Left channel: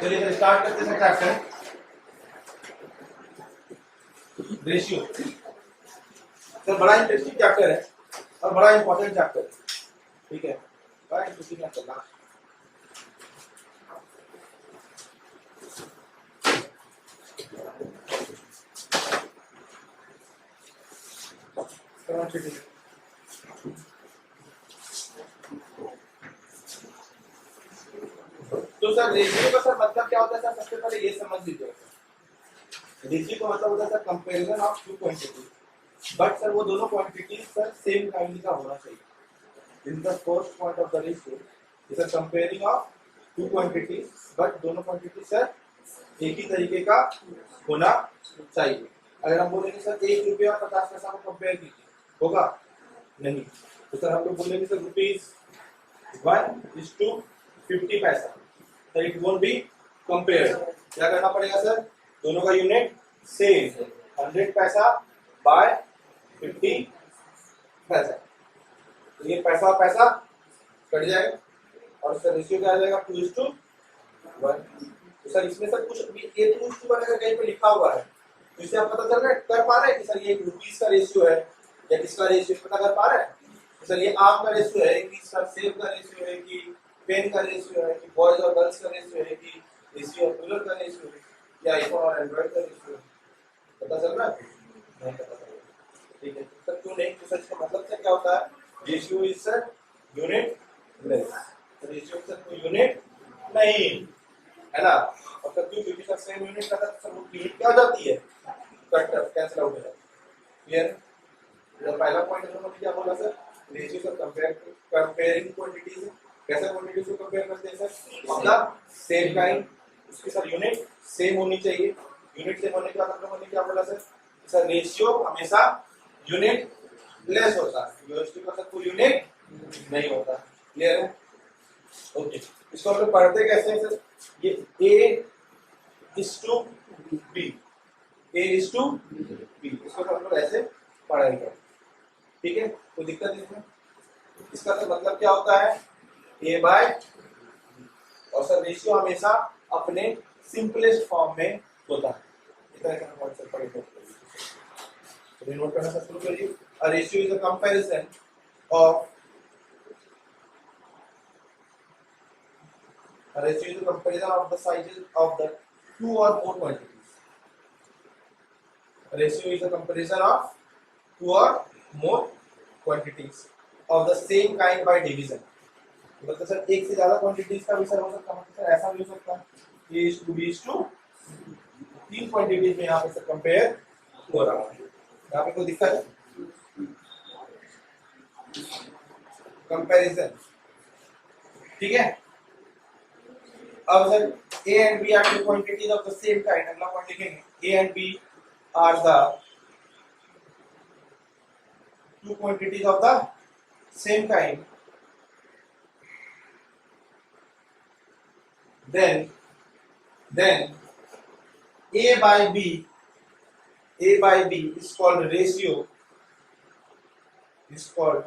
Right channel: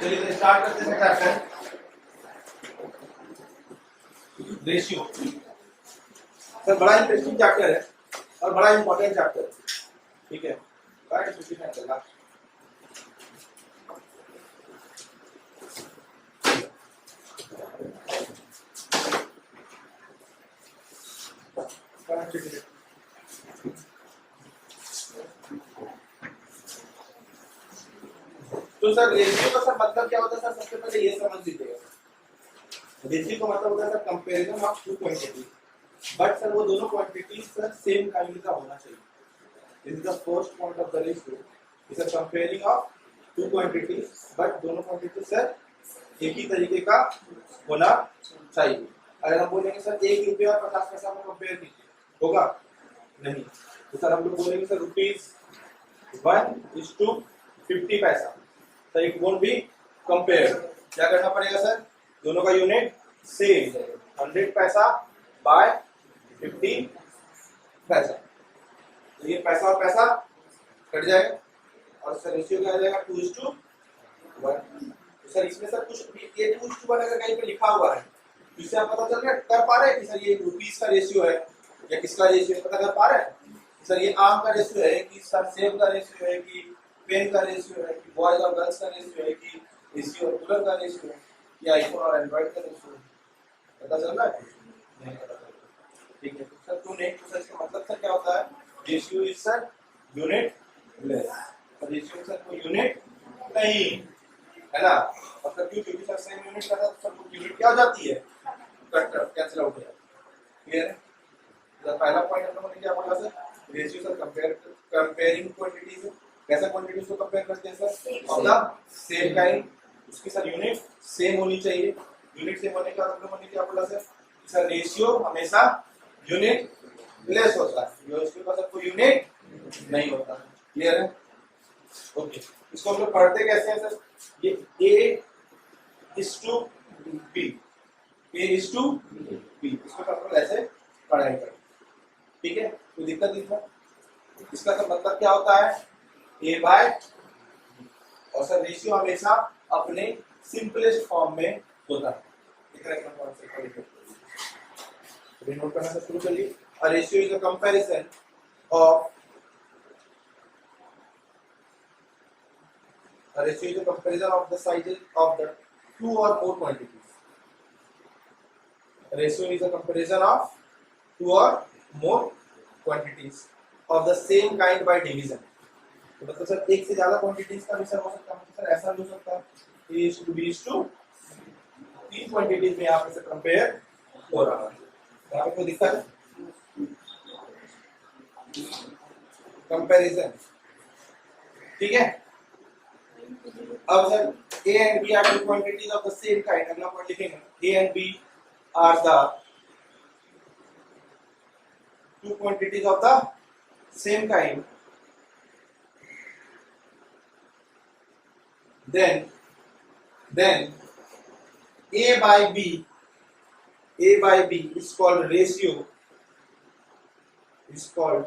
चलिए तो स्टार्ट करते हैं चैप्टर रेशियो। सर बड़ा इंटरेस्टिंग चैप्टर है और बड़ा इंपॉर्टेंट चैप्टर है, ठीक है, बड़ा इंटरेस्टिंग चैप्टर है। तो सर रेशियो का सर मतलब क्या होता है सर, सबसे पहले ये समझ लीजिएगा। रेशियो का मतलब होता है sir comparison of two quantities, but sir वो दोनों क्वांटिटीज सर सेम काइंड का होना चाहिए। This is the first point of the ratio, is a comparing of two quantities, but दोनों क्वांटिटी सर एक ही तरीके का होना चाहिए। अगर हम बोलेंगे सर 1 रुपया और 50 पैसा को कंपेयर कीजिए, होगा नहीं। तो सर हम लोग बोलेंगे सर ₹1:50 पैसा, sir it won't be compared. क्या करना पड़ेगा सर, दोनों का यूनिट सेम, 100 पैसा बाय 50 पैसा, तो ये पैसा और पैसा कट जाएगा और सर रेशियो क्या आ जाएगा 2:1। तो सर इसमें सर कुछ ये 2:1 अगर कहीं पे लिखा हुआ है तो इससे आप पता चल रहा है, कर पा रहे हैं कि सर ये रुपीस का रेशियो है या किसका रेशियो है, पता कर पा रहे हैं सर ये आम का रेशियो है कि सर सेब का रेशियो है कि पेन का रेशियो है कि बॉयज और गर्ल्स का रेशियो है कि एसी और कूलर का रेशियो है या आईफोन और एंड्रॉइड का रेशियो है, पता चल रहा है? नहीं पता चल रहा, ठीक है। तो सर क्यों नहीं, तो सर इसका मतलब सर क्या होता है, ratio is sir unit less, ratio sir कोई यूनिट नहीं है ना। और सर क्यों, क्योंकि सर सेम यूनिट का सर वो यूनिट क्या हो जाती है, कट कैंसिल आउट हो जाती है। क्लियर है? तो पहला पॉइंट हम लोगों ने क्या बोला sir, ratio sir comparing quantities है। कैसा क्वांटिटीज को कंपेयर करते हैं sir, of the same kind, उसकी सर यूनिट सेम होनी चाहिए। यूनिट सेम होने के बाद हम लोगों ने क्या बोला सर रेशियो हमेशा यूनिट लेस होता है, इसके पास सर कोई यूनिट नहीं होता। क्लियर है? ओके, इसको हम लोग पढ़ते कैसे हैं सर, ये A:B, A:B, इसको हम लोग ऐसे पढ़ाई करें, ठीक है, कोई दिक्कत नहीं है। इसका तो मतलब क्या होता है, A बाय, और सर रेशियो हमेशा अपने सिंपलेस्ट फॉर्म में होता है। इतना का कॉन्सेप्ट पढ़ेंगे, तो नोट करना सर शुरू करिए। A ratio is a comparison of, a ratio is a comparison of the sizes of the two or more quantities. A ratio is a comparison of two or more quantities of the same kind by division. तो मतलब sir एक से ज्यादा quantities का भी sir हो सकता है, मतलब सर ऐसा भी हो सकता है A:B:, तीन क्वांटिटीज में यहाँ पे सर कंपेयर हो रहा है। यहाँ पे कोई दिक्कत है, कंपैरिजन, ठीक है। अब sir A and B are two quantities of the same kind, अगला पॉइंट लिखेंगे, A and B are the two quantities of the same kind, then A by B is called ratio, is called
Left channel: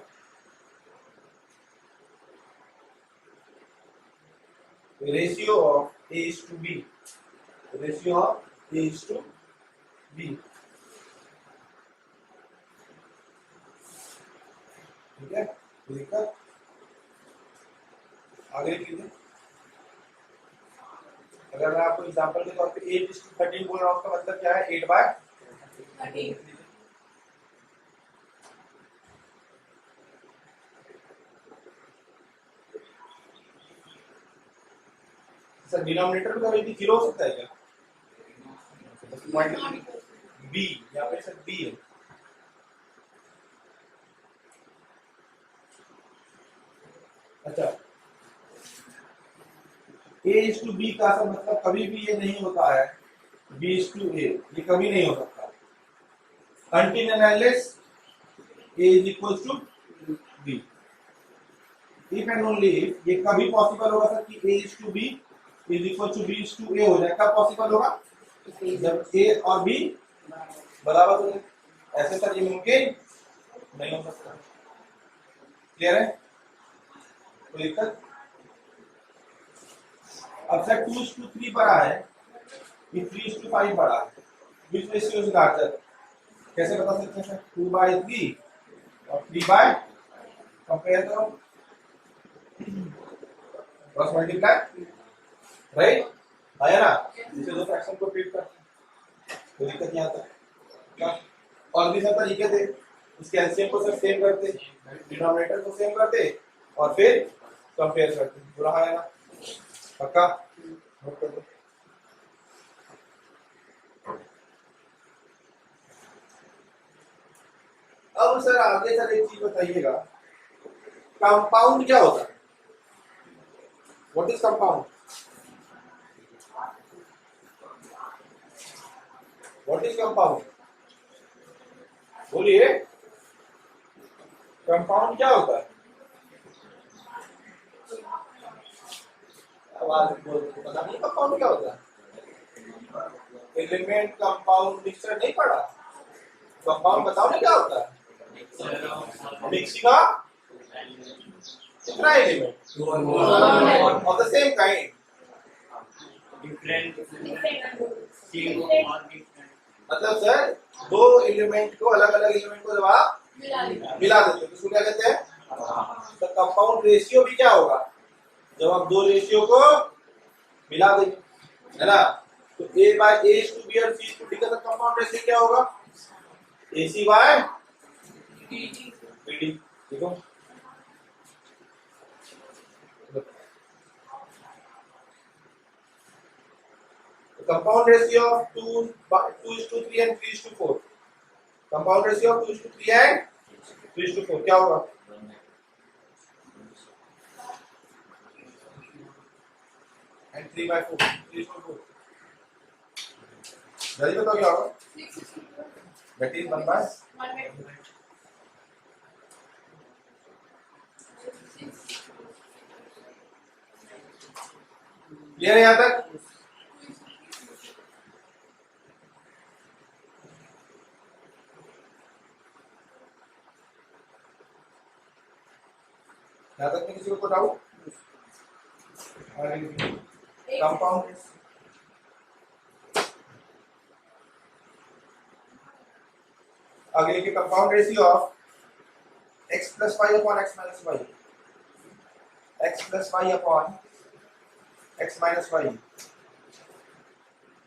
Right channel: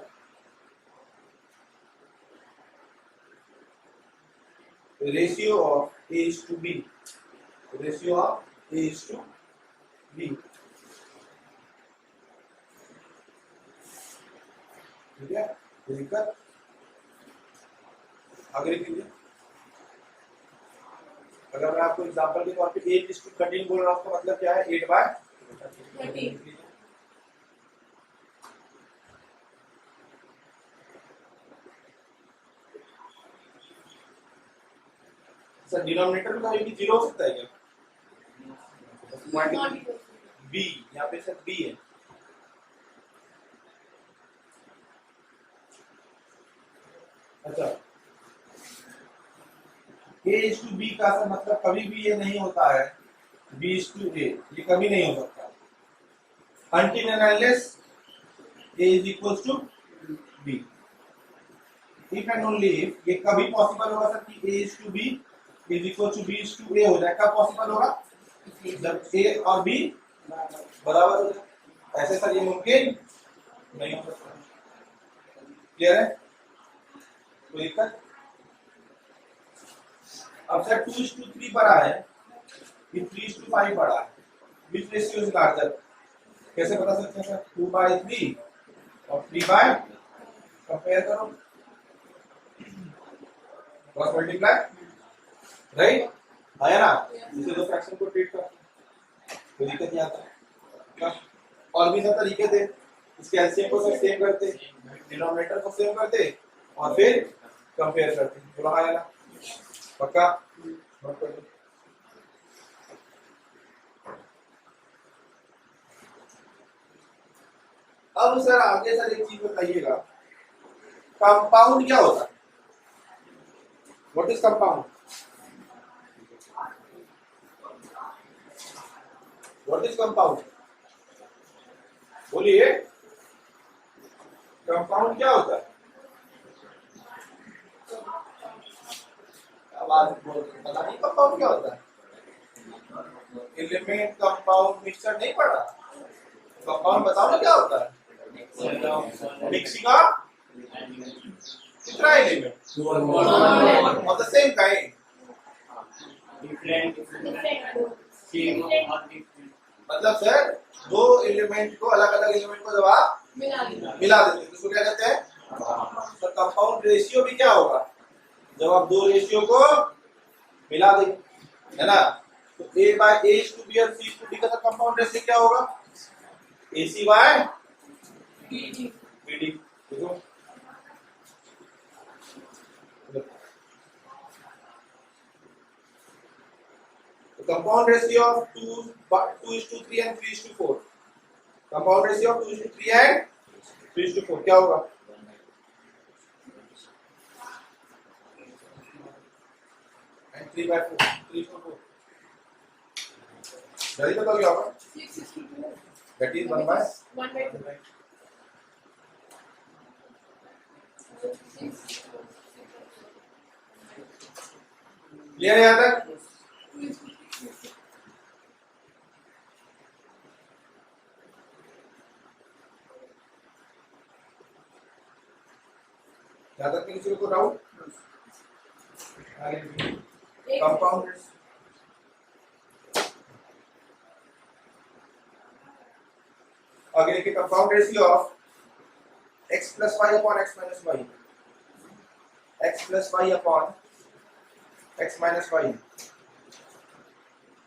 ratio of A is to B, ratio of A is to B, ठीक है। दिक्कत आगे कीजिए। अगर मैं आपको example के तौर पे 8:13 बोल रहा हूँ, उसका मतलब क्या है, 8/13। सर डिनोमिनेटर में कभी भी 0 हो सकता है क्या, बी, यहाँ पे सर बी है, अच्छा। A:B का सर मतलब कभी भी ये नहीं होता है B:A, ये कभी नहीं हो सकता until and unless A is equals to B। If and only if ये कभी पॉसिबल होगा सर कि A:B is equal to B:A हो जाए, कब पॉसिबल होगा, जब A और B बराबर हो जाए, ऐसे सर ये मुमकिन नहीं हो सकता। क्लियर है? कोई दिक्कत? अब सर 2:3 बड़ा है कि 3:5 बड़ा है, विच रेशियो इज लार्जर? कैसे बता सकते हैं सर? 2/3 और 3 बाय, कंपेयर करो, क्रॉस मल्टीप्लाई, राइट? है ना? जिसे दो फ्रैक्शन को ट्रीट करते हैं, कोई दिक्कत नहीं आता। और भी सब तरीके थे, इसके एलसीएम को सब सेम करते, डिनोमिनेटर को सेम करते और फिर कंपेयर करते। बोला है ना? पक्का नोट कर दो। अब सर आगे सर एक चीज बताइएगा, कंपाउंड क्या होता है? What is compound? What is compound? बोलिए, कंपाउंड क्या होता है? आवाज बोल, पता नहीं कंपाउंड क्या होता है? एलिमेंट कंपाउंड मिक्सचर नहीं पढ़ा? कंपाउंड बताओ ना क्या होता है? मिक्सिंग ऑफ कितना element of the same kind, different मतलब सर दो एलिमेंट को, अलग अलग एलिमेंट को जब आप मिला देते हैं तो उसको क्या कहते हैं? तो कंपाउंड रेशियो भी क्या होगा? जब आप दो रेशियो को मिला देंगे, है ना? तो A by A/B और C/D का कंपाउंड रेशियो क्या होगा? AC by BD। देखो compound ratio of 2:3 and 3:4, compound ratio of 2:3 and 3:4 क्या होगा? and 3/4, 3:4, जल्दी बताओ क्या होगा? that is 1/2। क्लियर है यहाँ तक? यहाँ तक किसी को डाउट? कंपाउंड आगे लिखिए, compound ratio of x plus y upon x minus y, x plus y upon x minus y।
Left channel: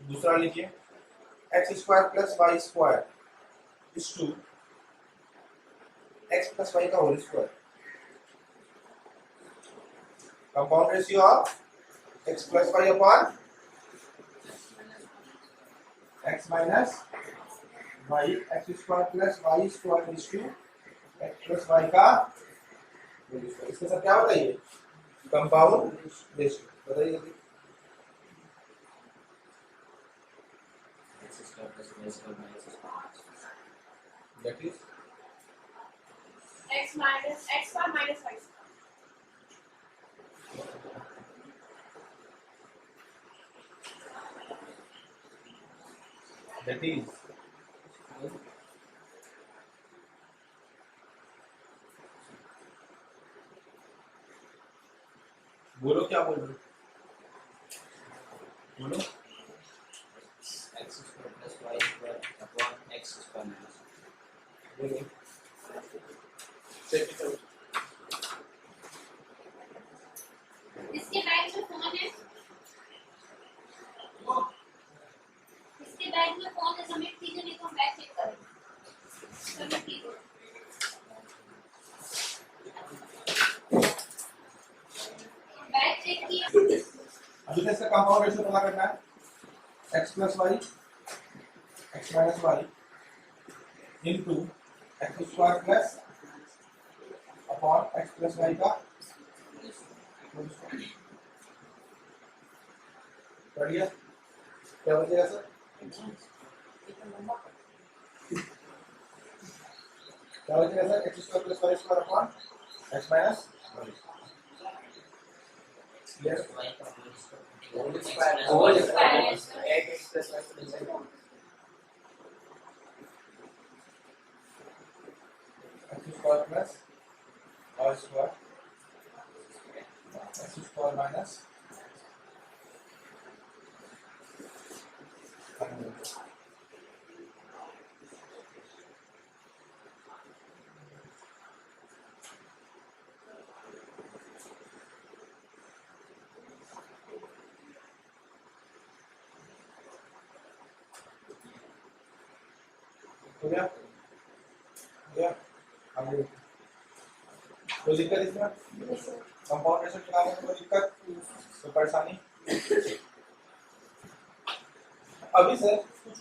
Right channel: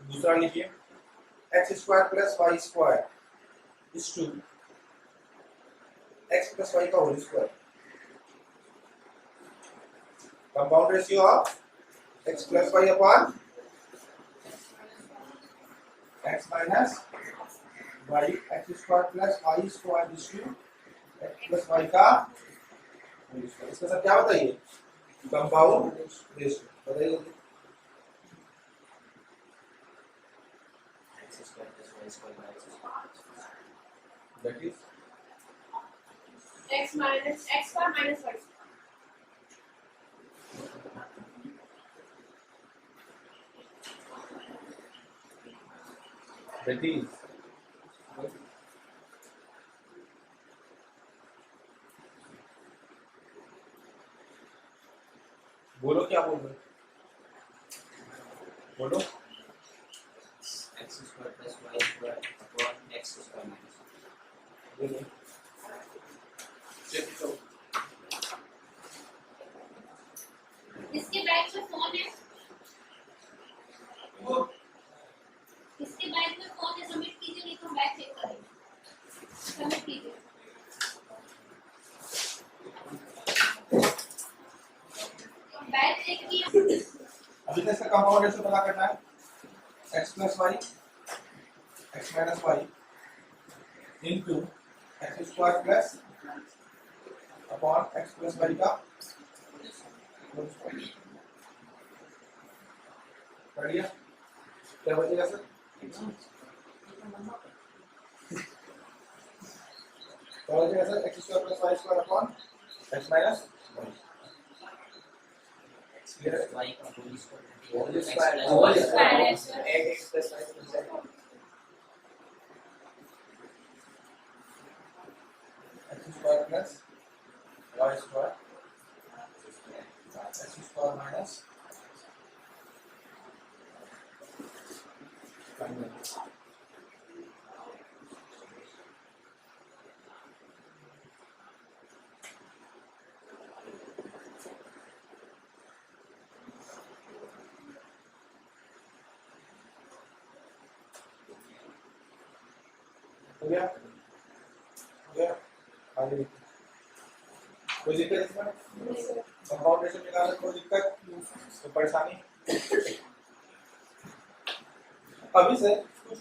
दूसरा लिखिए, x square plus y square is to x plus y का whole square. Compound ratio of x plus y upon x minus y, x square plus y square is to x plus y का whole square. इसका sir क्या बताइए? Compound ratio बताइए। That is x minus x square minus y square. that is बोलो क्या बोल रहे हो? बोलो। x square plus y square upon x square minus y। इसके बैग में फोन है, इसके बैग में फोन है, सबमिट कीजिए, नहीं तो हम बैग चेक करेंगे। सबमिट कीजिए। बैग चेक किया। अभी तक इसका कंपाउंड रेशियो पता करना है, x plus y, x minus y into x square plus upon x plus y का होल स्क्वायर। बढ़िया, क्या बचेगा सर? क्या बचेगा sir? x square plus y square upon x minus y। y का होल होल स्क्वायर स्क्वायर है sir. x plus y plus y x square plus y square x square minus हो गया हो गया आगे देखिए कोई दिक्कत इसमें कंपाउंड रेशो निकालने में कोई दिक्कत कोई परेशानी अभी सर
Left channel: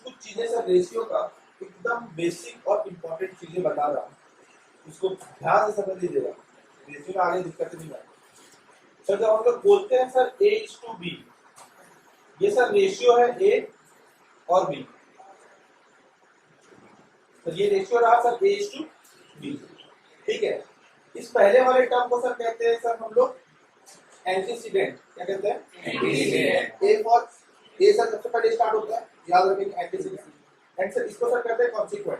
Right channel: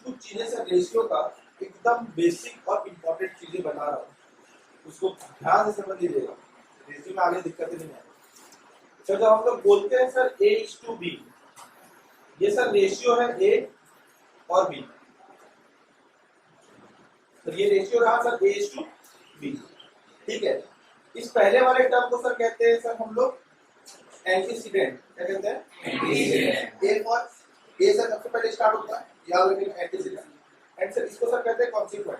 कुछ चीजें सर रेशियो का एकदम बेसिक और इम्पोर्टेंट चीजें बता रहा हूँ उसको ध्यान से समझ लीजिएगा रेशियो में आगे दिक्कतें नहीं आएगी सर जब हम लोग बोलते हैं सर A:B ये सर रेशियो है A और B तो ये रेशियो रहा सर A:B ठीक है इस पहले वाले टर्म को सर कहते हैं सर हम लोग एंटीसीडेंट क्या कहते हैं antecedent A for a sir सबसे पहले स्टार्ट होता है याद रखिए एंटीसीडेंट एंड सर इसको सर कहते हैं कॉन्सिक्वेंट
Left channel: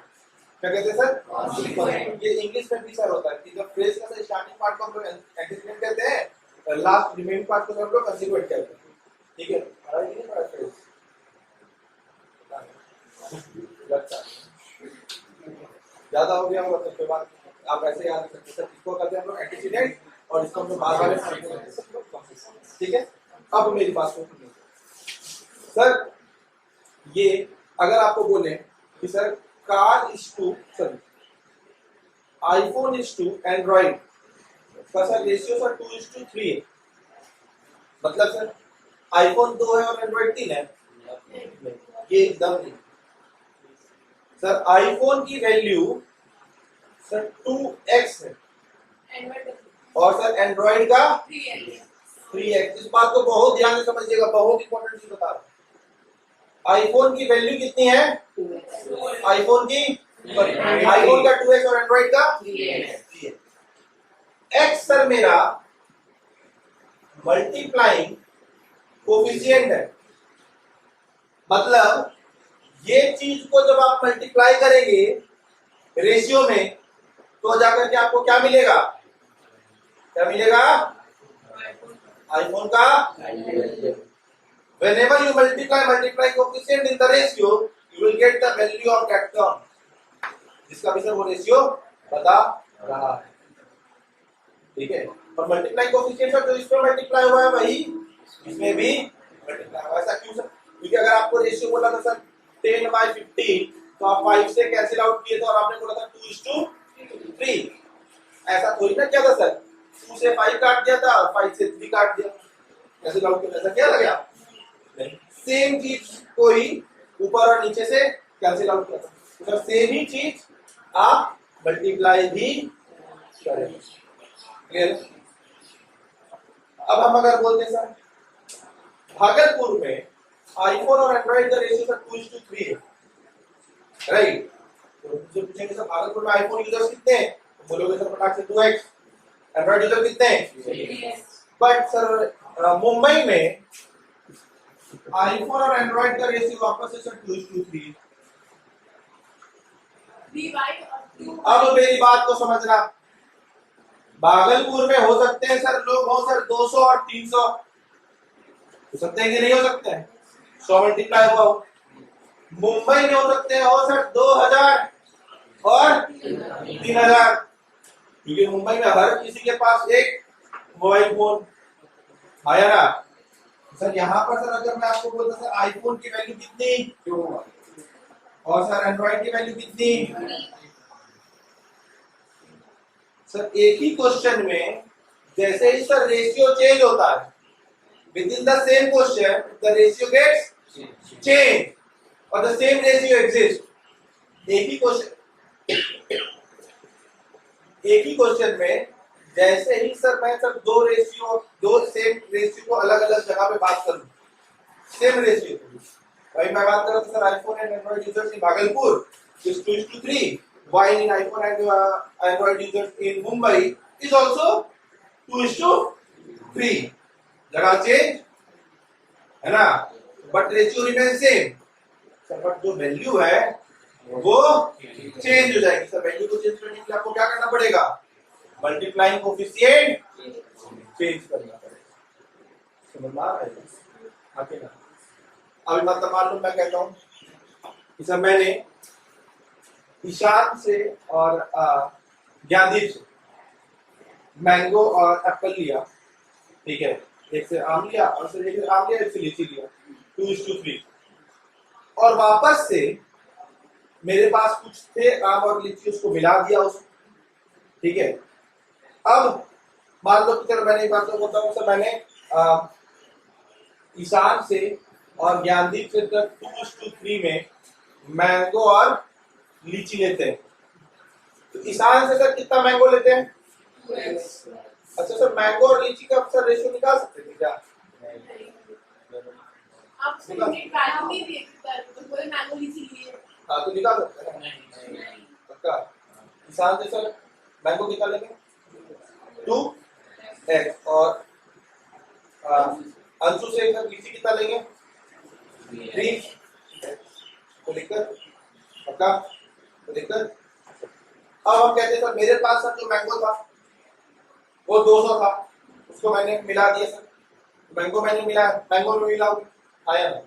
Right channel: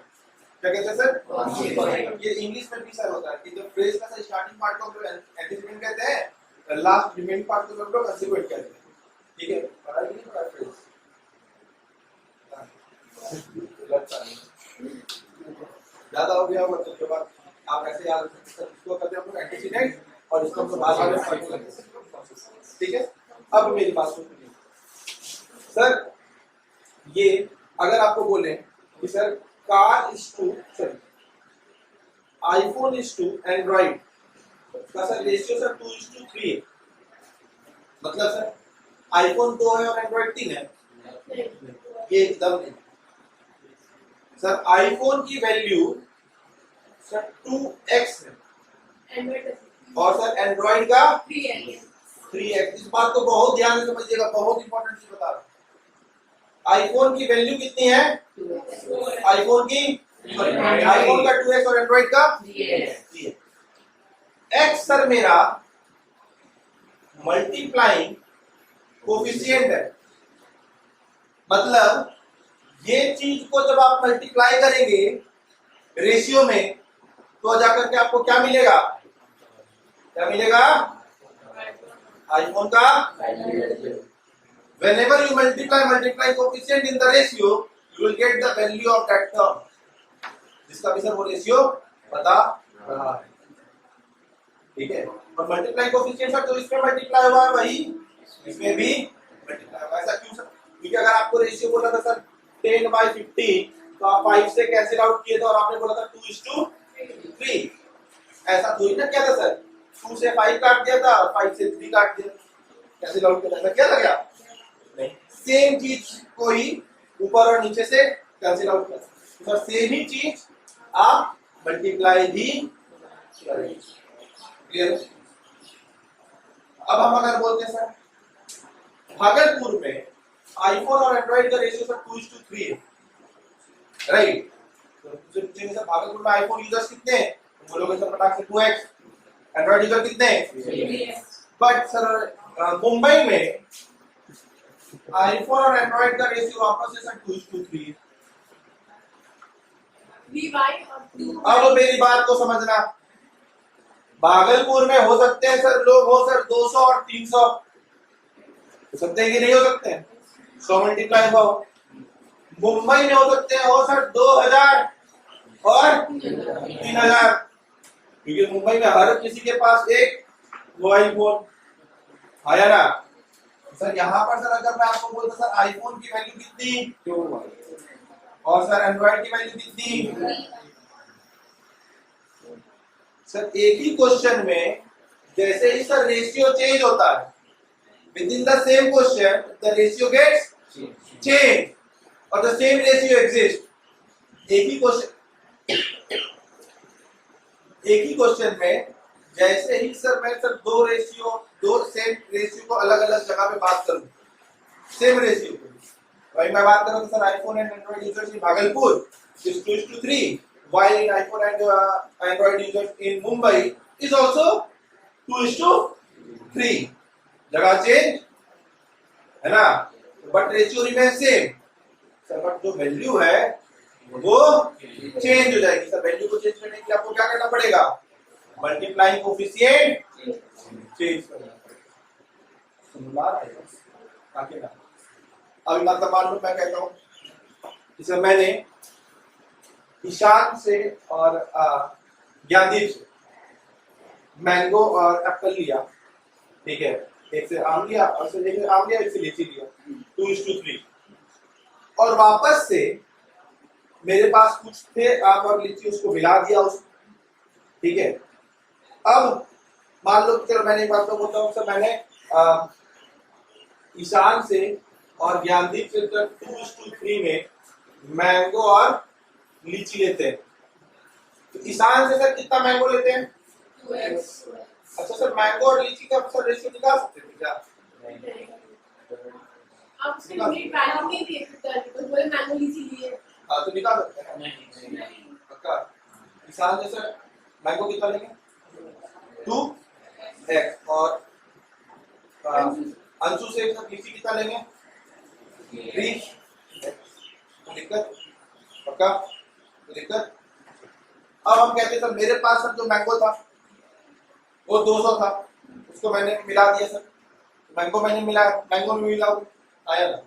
क्या कहते हैं सर कॉन्सिक्वेंट ये इंग्लिश में भी सर होता है कि जब फ्रेज का सर स्टार्टिंग पार्ट को हम लोग एंटीसीडेंट कहते हैं लास्ट रिमेनिंग पार्ट को हम लोग कॉन्सिक्वेंट कहते हैं ठीक है पढ़ा कि नहीं पढ़ा फ्रेज ज्यादा हो गया होगा तो उसके बाद आप ऐसे याद रख सकते हैं इसको कहते हैं हम लोग एंटीसीडेंट और इसको हम लोग बाद में ठीक है अब मेरी बात सुनिए सर ये अगर आपको बोले कि sir car is to sorry iPhone is to Android का सर रेशियो सर 2:3 है मतलब सर आईफोन 2 है और एंड्रॉइड 3 है ये एकदम नहीं सर आईफोन की वैल्यू सर 2x है और सर एंड्रॉइड का 3x इस बात को बहुत ध्यान से समझिएगा बहुत इंपॉर्टेंट चीज बता रहा हूं आईफोन की वैल्यू कितनी है आईफोन की आईफोन का 2x और एंड्रॉइड का 3x x सर मेरा मल्टीप्लाइंग कोफिशिएंट है मतलब ये चीज को जब आप मल्टीप्लाई करेंगे रेशियो में तो जाकर के आपको क्या मिलेगा आईफोन का whenever you multiply coefficient in the ratio you will get the value of that term जिसका भी सर वो रेशियो बता रहा है ठीक है और मल्टीप्लाई कोफिशिएंट सर जो इसमें मल्टीप्लाई हुआ है वही इसमें भी मल्टीप्लाई हुआ है ऐसा क्यों सर क्योंकि अगर आपको रेशियो बोला था सर 10/15 तो आप 5 से कैंसिल आउट किए थे और आपने बोला था 2:3 ऐसा थोड़ी ना किया था सर 2 से 5 काट दिया था और 5 से 3 काट दिया कैंसिल आउट किया ऐसा क्या लगा नहीं सेम चीज को ही ऊपर और नीचे से कैंसिल आउट किया तो सर सेम ही चीज आप मल्टीप्लाई भी करेंगे क्लियर अब हम अगर बोलते हैं सर भागलपुर में आईफोन और एंड्रॉइड का रेशियो सर 2:3 है राइट तो मुझे पूछेंगे सर भागलपुर में आईफोन यूजर्स कितने हैं तो बोलोगे सर फटाक से 2x एंड्रॉइड यूजर कितने हैं बट सर मुंबई में आईफोन और एंड्रॉइड का रेशियो वापस से सर 2:3 है अब मेरी बात को समझना भागलपुर में हो सकते हैं सर लोग हो सर 200 और 300 हो सकते हैं कि नहीं हो सकते हैं 100 मल्टीप्लाई हुआ हो मुंबई में हो सकते हैं हो सर 2000 और 3000 क्योंकि मुंबई में हर किसी के पास एक मोबाइल फोन आया ना सर यहाँ पर सर अगर मैं आपको बोलता सर आईफोन की वैल्यू कितनी और सर एंड्रॉइड की वैल्यू कितनी सर एक ही क्वेश्चन में जैसे ही सर रेशियो चेंज होता है within the same question the ratio gets change और द सेम रेशियो एग्जिस्ट एक ही क्वेश्चन में जैसे ही सर मैं सर दो सेम रेशियो को अलग अलग जगह पे बात करूं सेम रेशियो को वही मैं बात कर रहा था sir iPhone and Android users in Bhagalpur is 2:3 while in iPhone and Android users in Mumbai is also 2:3 जगह चेंज है ना but ratio remain same sir but जो वैल्यू है वो चेंज हो जाएगी सर वैल्यू को चेंज करने के लिए आपको क्या करना पड़ेगा मल्टीप्लाइंग कोफिशिएंट चेंज करना पड़ेगा समझ आ रहा है आगे ना अभी मतलब मान लो मैं कहता हूं कि सर मैंने ईशान से और ज्ञानदीप से मैंगो और एप्पल लिया ठीक है एक से आम लिया और से एक से आम लिया एक से लीची लिया 2:3 और वापस से मेरे पास कुछ थे आम और लीची, उसको मिला दिया उसको, ठीक है। अब मान लो कि चलो मैंने एक बात तो बोलता हूँ सर, मैंने ईशान से और ज्ञानदीप से 2:3 में मैंगो और लीची लेते हैं, तो ईशान से सर कितना मैंगो लेते हैं? 2x। अच्छा सर, मैंगो और लीची का सर रेशियो निकाल सकते थे क्या? आप उसमें यूनिट वैल्यू नहीं दिए तो बोले मैंगो लीची लिए। हाँ तो निकाल सकते हैं ना? नहीं। पक्का? ईशान से सर मैंगो कितना लेंगे? 2x, और अंशु से सर लीची कितना लेंगे? 3। तो दिक्कत? पक्का? तो दिक्कत? अब हम कहते हैं सर मेरे पास सर जो मैंगो था वो 200 था, उसको मैंने मिला दिया सर, मैंगो मैंने मिला, मैंगो में मिलाओगे, आया ना?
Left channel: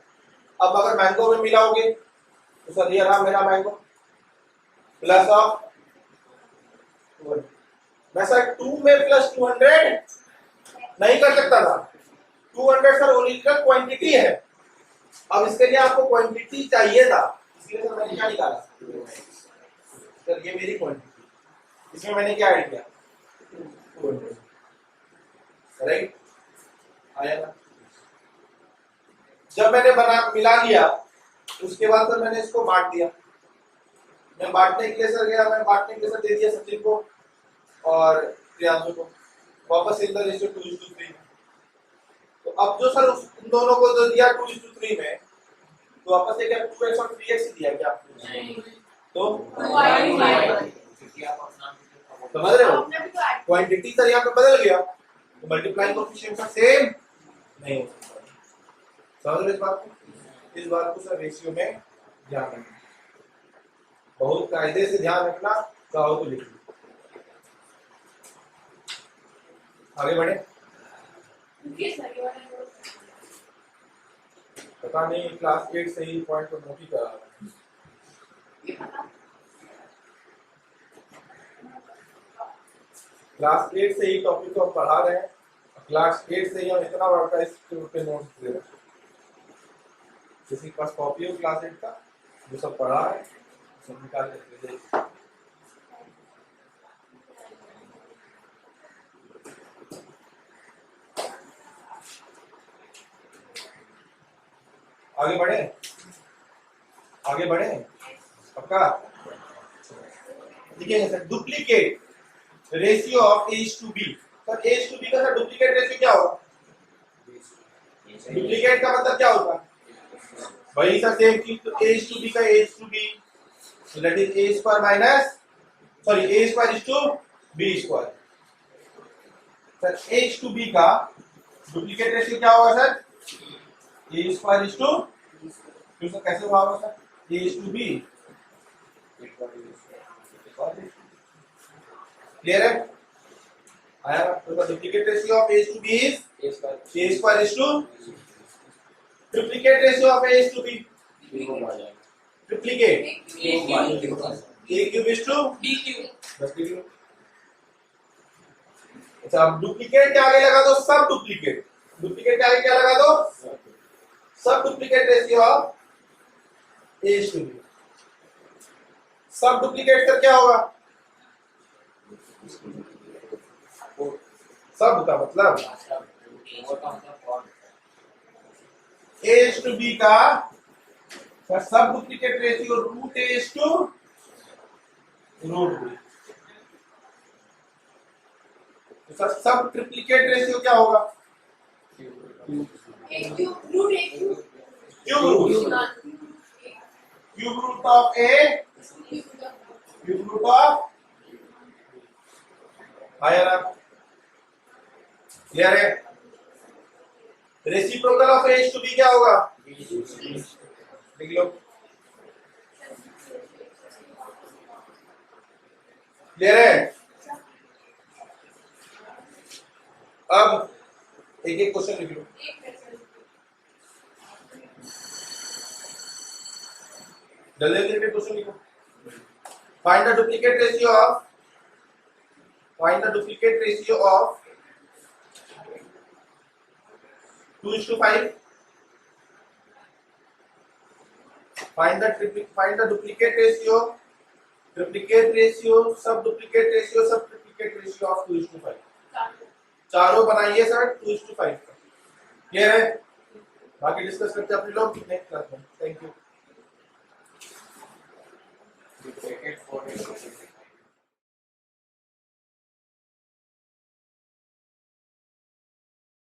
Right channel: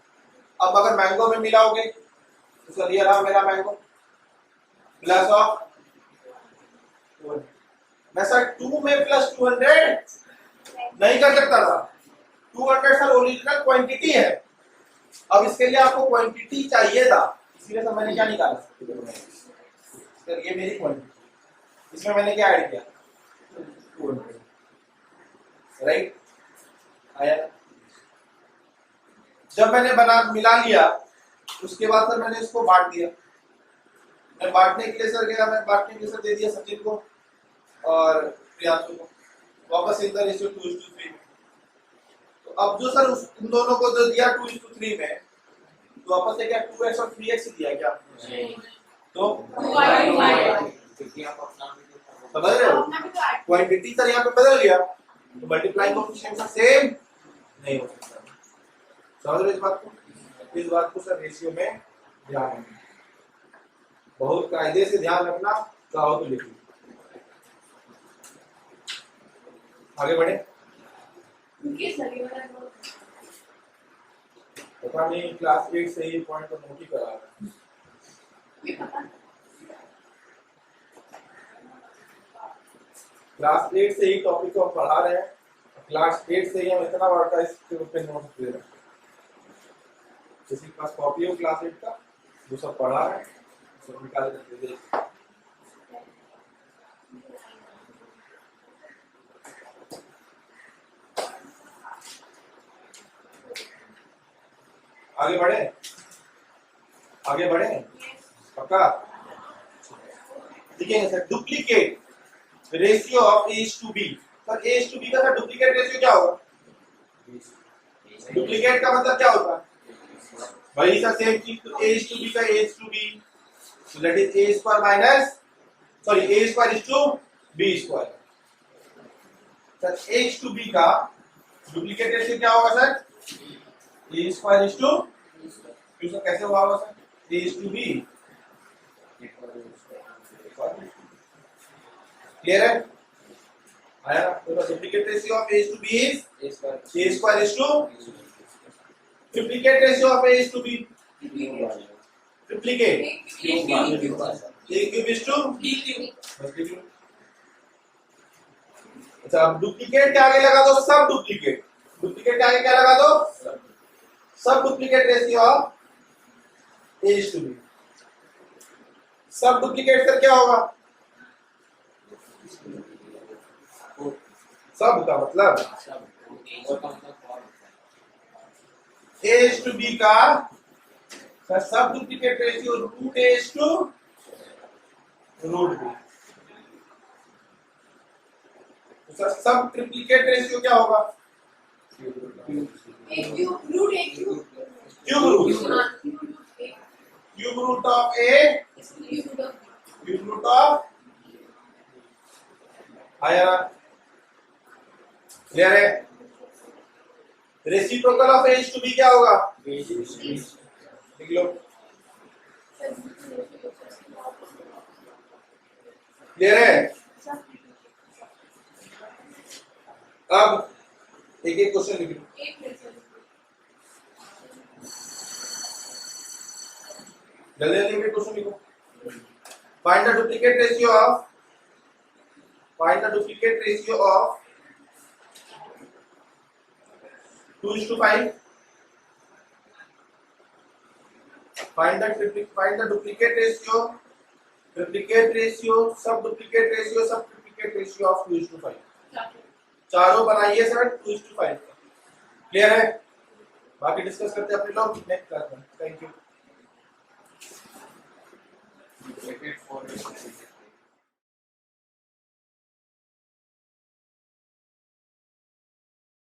अब अगर मैंगो में मिलाओगे तो सर ये रहा मेरा मैंगो प्लस ऑफ, मैं सर 2 में प्लस 200 नहीं कर सकता था, 200 सर ओरिजिनल क्वांटिटी है। अब इसके लिए आपको क्वांटिटी चाहिए था, इसलिए सर मैंने क्या निकाला सर, ये मेरी क्वांटिटी, इसमें मैंने क्या ऐड किया? 200, राइट? आया ना? जब मैंने बना मिला लिया उसके बाद सर मैंने इसको बांट दिया, मैं बांटने के लिए सर गया, मैं बांटने के लिए सर दे दिया सचिन को और प्रियांशु को, वापस इन द रेशियो 2:3। तो अब जो सर उन दोनों को जो दिया 2:3 में, तो वापस से क्या 2x और 3x ही दिया क्या? तो समझ रहे हो? क्वांटिटी सर यहाँ पे बदल गया, तो मल्टीप्लाइंग कोएफिशिएंट सर सेम नहीं हो सकता। समझ रहे हो इस बात को? इस बात को सर रेशियो में ध्यान रखना, बहुत कायदे से ध्यान रखना, चाहो तो लिखिए। आगे बढ़े। पता नहीं क्लास 8 से ही पॉइंट को नोट ही करा रहा है। क्लास 8 से ही टॉपिक को हम पढ़ा रहे हैं, क्लास 8 से ही हम इतना बड़ा का इस पे नोट दे रहे हैं। किसी के पास कॉपी हो क्लास 8 का, जो सब पढ़ा है सब निकाल कर दे दे। आगे बढ़े, आगे बढ़े, पक्का? देखिए sir, duplicate ratio of A:B। Sir A:B का सर डुप्लीकेट रेशियो क्या होगा? डुप्लीकेट का मतलब क्या होता है? वही सर सेम चीज, तो A:B का A:B, so that is A square minus, sorry A square is to B square। Sir H:B का डुप्लीकेट रेशियो क्या होगा sir? A square is to, क्यों सर कैसे हुआ होगा सर? A:B, क्लियर है? आया? तो the duplicate ratio of A:B is A square is to, triplicate ratio of A:B, triplicate A cube is to बस लिख लो। अच्छा, अब डुप्लीकेट के आगे लगा दो सब डुप्लीकेट, डुप्लीकेट के आगे क्या लगा दो? सब डुप्लीकेट रेशियो ऑफ A:B। सब डुप्लीकेट सर क्या होगा? सब का मतलब A:B का सर सब डुप्लीकेट रेशियो √A:√B। तो सर सब ट्रिप्लीकेट रेशियो क्या होगा? Cube root of A cube root of, आया ना? क्लियर है? रेसिप्रोकल ऑफ A:B क्या होगा? लिख लो। क्लियर है? अब एक एक क्वेश्चन लिख लो। जल्दी जल्दी क्वेश्चन लिखो। Find the duplicate ratio of, find the duplicate ratio of 2:5, find the duplicate ratio, सब डुप्लीकेट रेशियो ऑफ 2:5। चारों बनाइए सर 2:5। क्लियर है? बाकी डिस्कस करते हैं अपने लोग नेक्स्ट क्लास में। Thank you.